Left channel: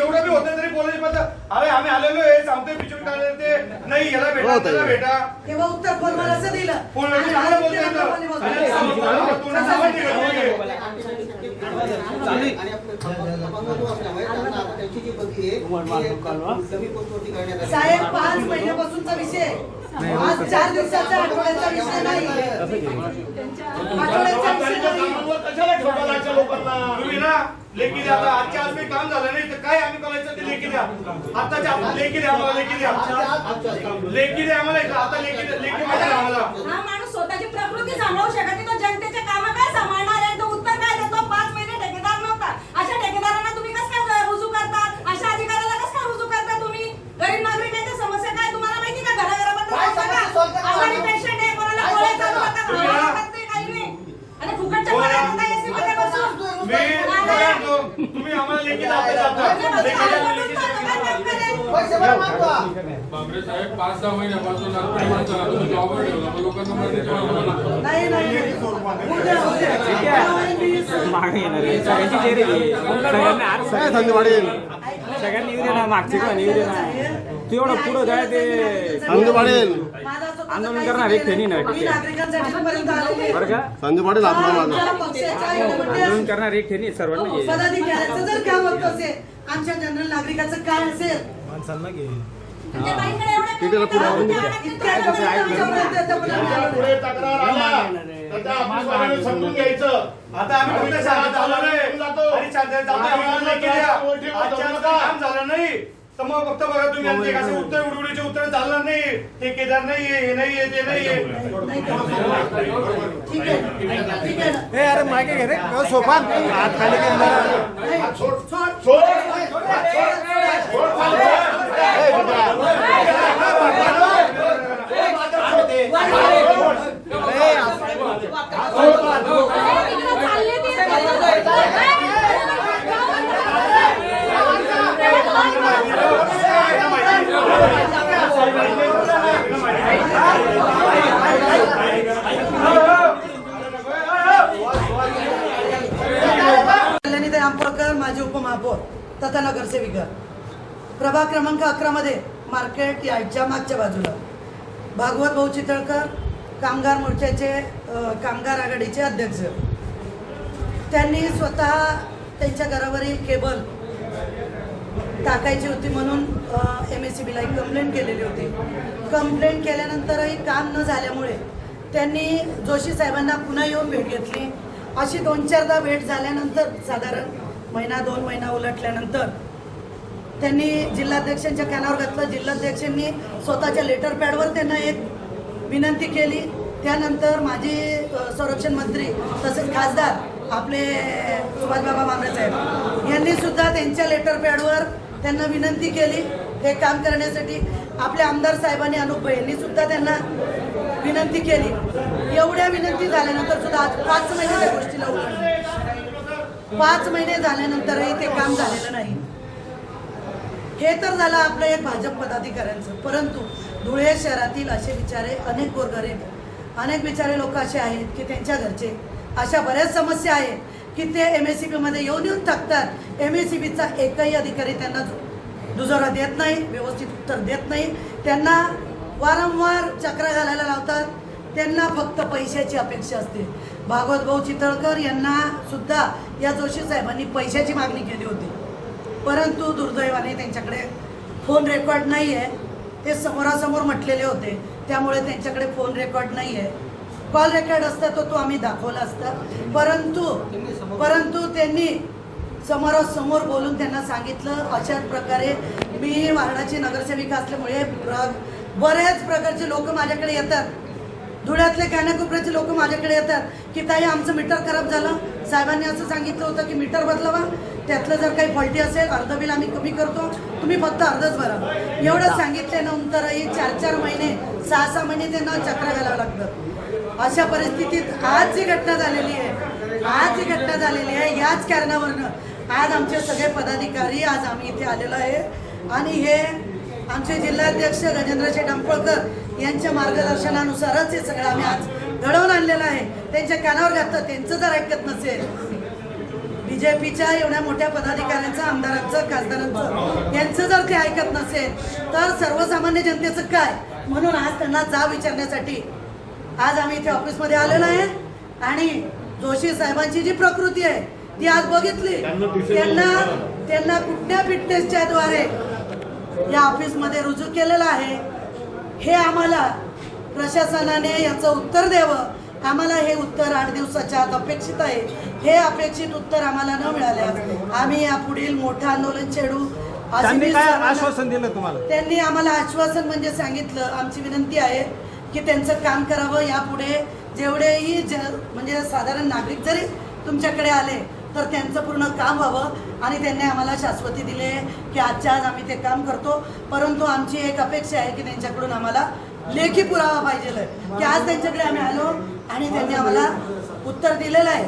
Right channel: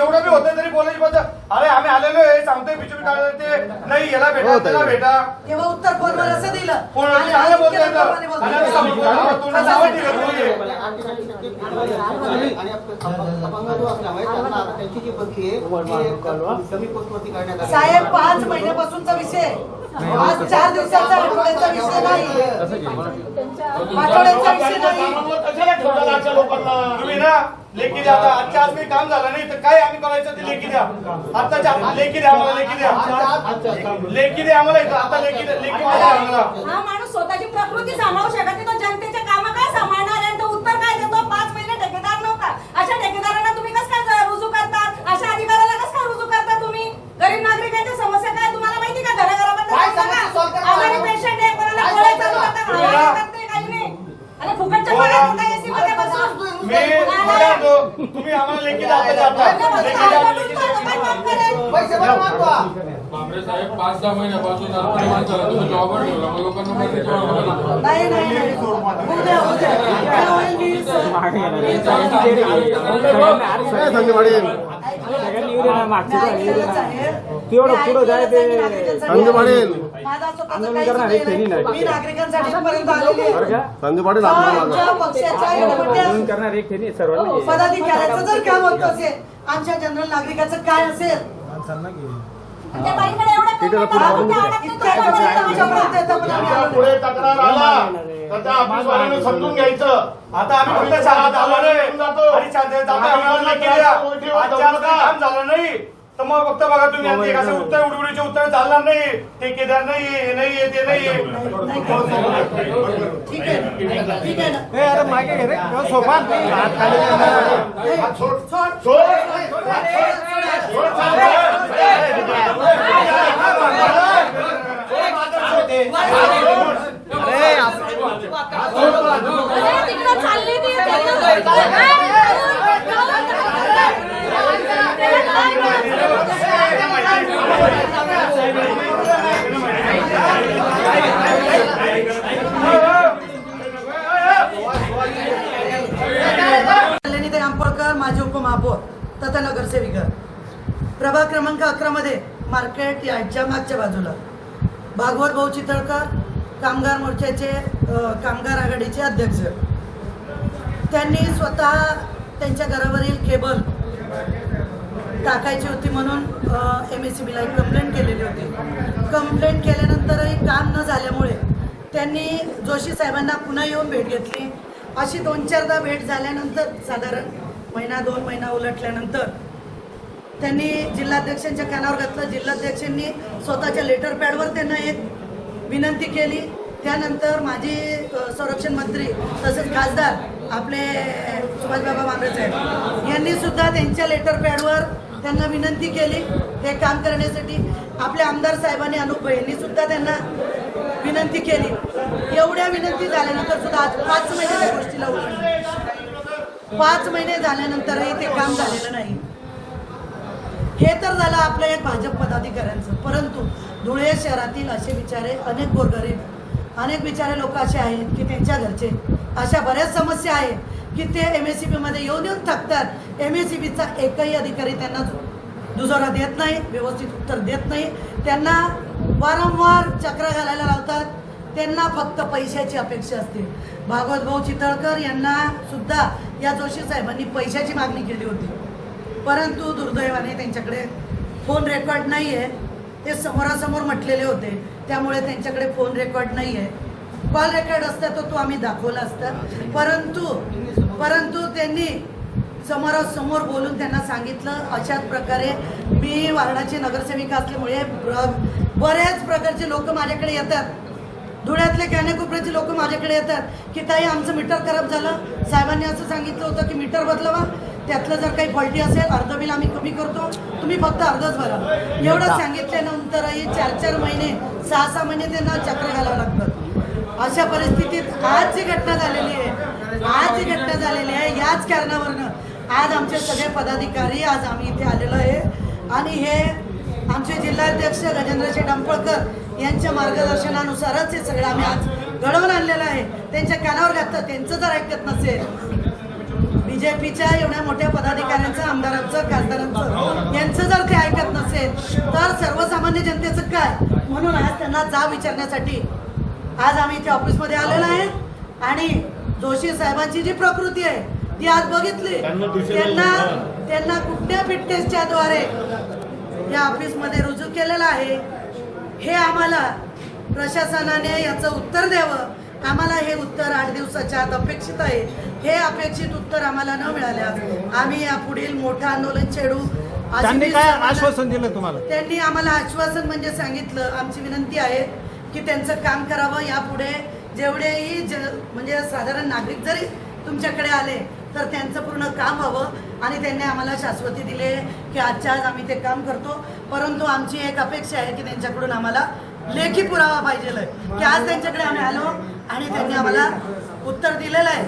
एवढं बी होतं तरी आम्ही आलेलो आहे सांगतोय बिचूर काय ते. नाही याला भेटा त्याला भेटा. तेव्हा उत्तर फोनवर असं दिलं? कोण आणि चांगलं उत्तर बोलतोय आता. फोनवर बोलतोय. आणि सांगतो, तू नावं ठेवत नाहीये. आणि अपंग जो असल्यामुळे त्यांना आता त्यांची जी बदली आहे ती कमी पोस्टवरती करण्यात आली साहेब पाच महिन्यापासूनचा विषय आज चार दिवसाचा आठवड्याचा विषय नाही. आठवड्याचा विषय नाही. कशाला अशा लोकांना? तुम्ही ना लेखी द्या आता आजच्या आज काही काम झालं नाही तर काय आम्ही करायचं ते लेखी द्या. आताच्या आता लेखी द्या आम्हाला लेखी द्या. लेखी द्या आम्हाला इथं. आता लेखी द्या लेखी द्या आम्हाला. हा माणूस स्वतःची प्रकृती सांभाळू शकत नाही तो जनतेचे काम काय सांभाळणार आहे? तो उत्तर काय देतो? पाच महिने ठेकेदार नव्हता. अशा ठेकेदारांना तुम्ही कसं काय रुजू करतात अशा अधिकाऱ्याला कसं काय रुजू करता तुम्ही? गरीब नागरिकांच्या समस्या काय? तुम्हाला माहिती का घराघराबद्दल काय. समस्या solve पेशंट आहे कोणाला काय solve? करता? लागत नाही काही नाही. आणि फुकटच्या बोला. काय तुम्ही आम्हाला लेखी द्या आता जाता. लेखी द्या, लेखी द्या. पैसे बरं मागवा बापरे साहेब पाच दहा महिन्यापासून आपण माणसाला तुम्ही जॉबवर ठेवला मग लोकांना माहिती किंवा आम्हाला नाही नाही नाही. उद्या उद्या काय होईल मी स- सगळ्यांनी येऊ दे ना मागची पण येऊ दे ना तू एवढं पुढं जाय ते संधी पडेल माझा करणार एक फेरी नाही. मी नागरिकांसाठी इथपर्यंत आलेली आहे. बरं का? संधी पाटील माझा आमच्या पक्षाच्या आंदोलन करणार एक फेरी सर्वांना. ये. पदाधिकाऱ्याचं जर काम होत असेल आमच्या जनरल नागरिकाचं काय असेल? त्या बाईकडे एवढं ठीक आहे, पुढे इतक्या आमच्यापर्यंत येतं पण आम्ही तक्रार आला तर त्या ऑफिसवाल्याने समजून घ्यायचं. आता आम्ही फक्त आलो नाही. आणि जातो आजच्या काम झालं नाही. तर मग फक्त बघा तुम्ही कसं उत्तर उडवडीचे उत्तर चालणार नाही ते केदार नाहीये हे नाहीये ते नाहीये ठीक आहे ठीक आहे ना ए अरे मागे घे रे हो, सोफा हात खाली कर ना. सोड सोड सोड तिकडं चालली माझे उपमहापौर तथा नगरसेविका. प्रभाग क्रमांक अकरा मध्ये मार्केट यार्डच्या मागच्या बाजूला. भागवत भाऊ चितळकर कामगार मोर्चाचे कामगार आघाडीचे अध्यक्ष. त्यांनी स्वतः त्यांच्या घरावरील केबल टाकायची होती म्हणून एम एस सी बीला एक कंप्लेंट केलेली होती. कंप्लेंट केल्यानंतरही काम न झाल्यामुळे त्यांनी जोशी साहेबांना पुन्हा येऊन भेट घेतली. अशी दोन चारदा भेट झाल्यानंतर साधारण महिना दोन महिना उलटल्यानंतर त्यांनी जिल्हाध्यक्षांच्या कानावर घातलं. जिल्हाध्यक्षांनी स्वतःच्या लेटर पॅडवर त्यांना एक विनंती केली. त्यानंतर माजी संरक्षण मंत्री तसेच खासदार आपले सुभाषबाबा मांगरे साहेब यांनी सुद्धा त्यांच्या लेटर पॅडवर त्यांना विनंती केली. हे काम करण्यासाठी आपल्या आमदार साहेबांनी अनुप यांनी सुद्धा त्यांना विनंती केली. एवढ्या विनंती झाल्यानंतर सुद्धा आज पाच महिने त्या गोष्टीला उलटले. पाच महिने झाल्यानंतरही ते काम झालेलं नाही. हे तर झालं आपलं एक भाजप पदाधिकाऱ्यांचं. परंतु धुळे शहरातील असे विचारे अनेक गोरगरीब अनेक विचारे लोक असे आहेत की त्यांच्या घरचे अशा बऱ्याच समस्या आहेत. की ते एम एस सी बीमध्ये येऊन येऊन थकतात एम एस सी बीचा एकही अधिकारी त्यांना दुजोरा देत नाही व्यवस्थित उत्तर देत नाही. त्यांना वारंवार चक्र घालायला लावतात. त्यांना फक्त पैशाची अपेक्षा असते. भागवत भाऊ चितळकर यांना सुद्धा या जोशी साहेबांनी पैशाची मागणी केली होती. परंतु दुर्दैवाने त्यांच्याकडे फोन रेकॉर्ड नाही आहे ते समोरासमोर म्हटलेले होते. त्यामुळे त्यांच्याकडे फोन रेकॉर्ड नाही आहे कॉल रेकॉर्ड असता तो तो आम्ही दाखवला असता. परंतु परंतु त्यांनी समोरासमोर बोलून त्यांना सांगितलं अशाच प्रकारे मी वार्डाची नगरसेविका असल्यामुळे बऱ्याच प्रकारचे लोक माझ्याकडे येतात. धुळ्यातले कानाकोपऱ्याचे लोक माझ्याकडे येतात की ताई आमचं मीटर खराब झालं. साहेबांनी असं सांगितलं होतं की मीटर बदलवा. त्यातलं जर काही फॉल्टी असेल अर्ध बिल आम्ही कमी करतो. तुम्ही फक्त अर्धच भरा. एवढं सांगितल्यानंतरही चार चार महिने सहा सहा महिने त्यांना चक्र घालावं लागतं. अशा परिस्थितीत आज जी घटना झालेली आहे आज ही घटना झालेली आहे. याच कारणावरनं आज आमचे सगळे पदाधिकारी आज आम्ही इथे आलेलो आहे. आणि हे आमचे जिल्हाध्यक्ष गजेंद्रजी डंपळकर यांच्या मार्गदर्शनानुसारच हे सगळं आम्ही आज घडवून आणलेलं आहे. त्यांच्या कानावर घातलं त्यांचं जर ऐकत नसेल. बीजेपीच्या एवढ्या मोठ्या पदाधिकाऱ्यांचं आमदारांचं खासदारांचं यांचं जर ते ऐकत नसेल तर सर्वसामान्य जनतेचं काय? म्हणून आज त्यांना जा विचारण्यासाठी आज आम्ही इथे ऑफिसमध्ये आलेलो आहे. आणि जोशी साहेबांची जी प्रकृती आहे ती आज बघितली. त्यांना त्यांना कुठल्या फिटनेसच्या द्वारे या ऑफिसमध्ये रुजू केलेलं आहे हे आम्हाला प्रशासनाने याचं उत्तर द्यावं. आम्हाला हे उत्तर आठ दिवसाच्या आत अपेक्षित आहे. हे अपेक्षित उत्तर आम्हाला न मिळाल्यास आम्ही या पुढील मोठं आंदोलन छेडू. आश्वासन दिलं तुम्हाला? त्यांनी आम्हाला आश्वासन म्हणजे सांगितलं आमची विनंती आहे की त्यांचं काम करावं. यापुढे जेवढेही ज म्हणजे साधारण नागरिक जरी तुमच्याकडे आले तर त्यांचं पूर्ण काम व्हावं आणि त्यांनी आम्हाला शाश्वती दिले की आजच्या आज आम्ही ते काम करतो. परंतु आमची एक अपेक्षा आहे की त्यांच्याकडून आम्हाला लेखी पुरावा पाहिजे की आज त्यांच्याकडे आम्ही आलो आणि त्यांनी आम्हाला उत्तर दिलेलं आहे.